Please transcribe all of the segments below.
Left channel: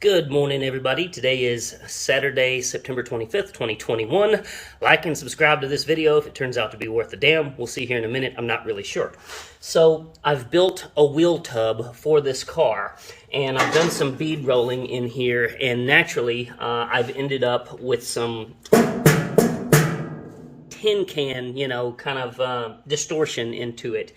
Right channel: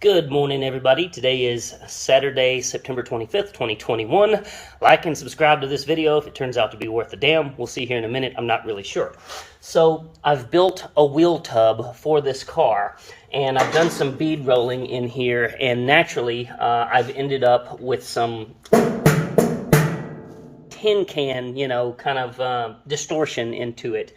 Good morning, everybody. Today is Saturday, September 25th, 2021. Like and subscribe to this video if it turns out to be worth a damn. We'll see here in a minute. I'm not really sure. So I've built a wheel tub for this car, and I've done some bead rolling in here, and naturally I've ended up with some tin can, kind of distortion into it.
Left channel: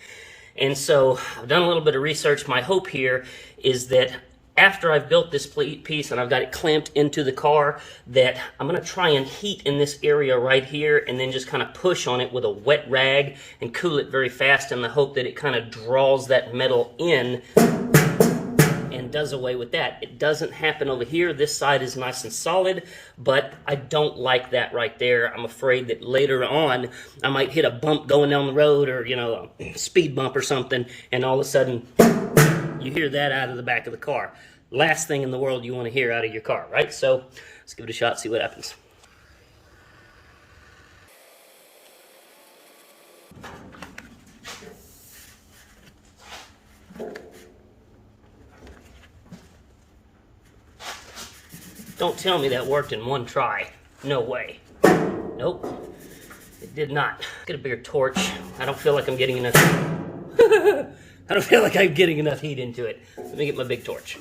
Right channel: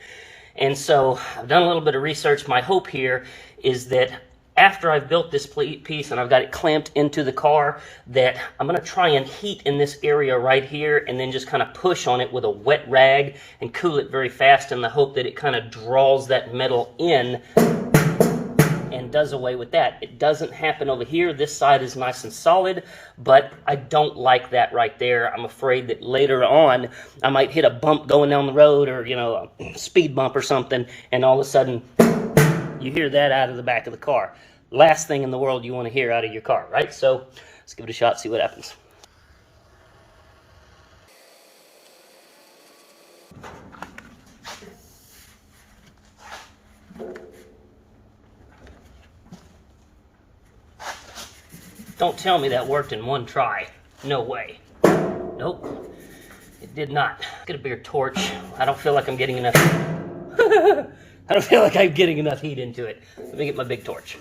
And so I've done a little bit of research. My hope here is that after I've built this piece and I've got it clamped into the car, that I'm going to try and heat in this area right here and then just kind of push on it with a wet rag and cool it very fast in the hope that it kind of draws that metal in and does away with that. It doesn't happen over here. This side is nice and solid, but I don't like that right there. I'm afraid that later on I might hit a bump going down the road, or a speed bump or something, and all of a sudden you hear that out of the back of the car. Last thing in the world you want to hear out of your car, right? So let's give it a shot, see what happens. Don't tell me that worked in one try. No way. Nope, it did not. Get a bigger torch. I don't feel like I'm getting enough. I don't feel like I'm getting enough heat into it. Let me get my big torch.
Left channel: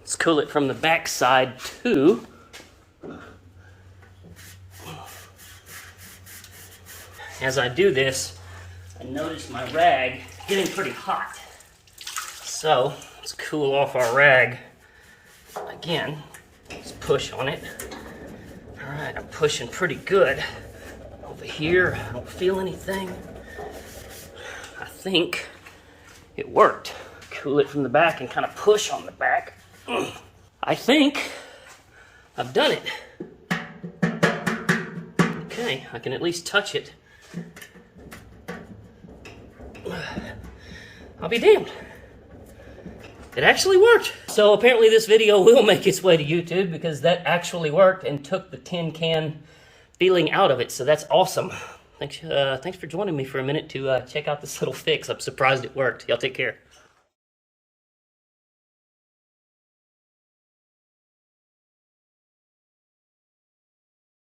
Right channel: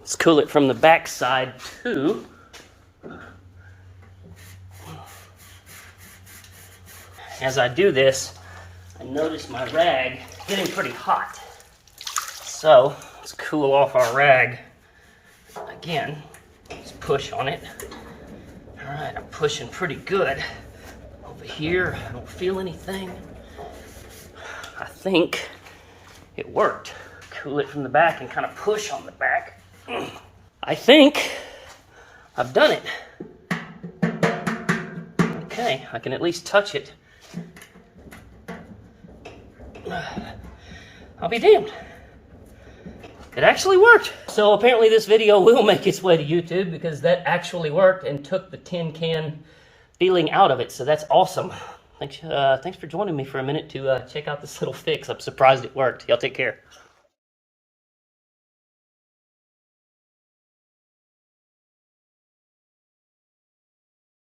Let's cool it from the back side too. As I do this, I notice my rag getting pretty hot. So let's cool off our rag again. Let's push on it. All right, I'm pushing pretty good. Over here, I don't feel anything. I think it worked. Cool it from the back and kind of push on the back. I think I've done it. Okay, I can at least touch it. I'll be damned. It actually worked. So apparently this video will make its way to YouTube, because that actually worked and took the tin can feeling out of it. So that's awesome. Thanks for joining me for a minute to check out this little fix. I'm surprised it worked. Y'all take care.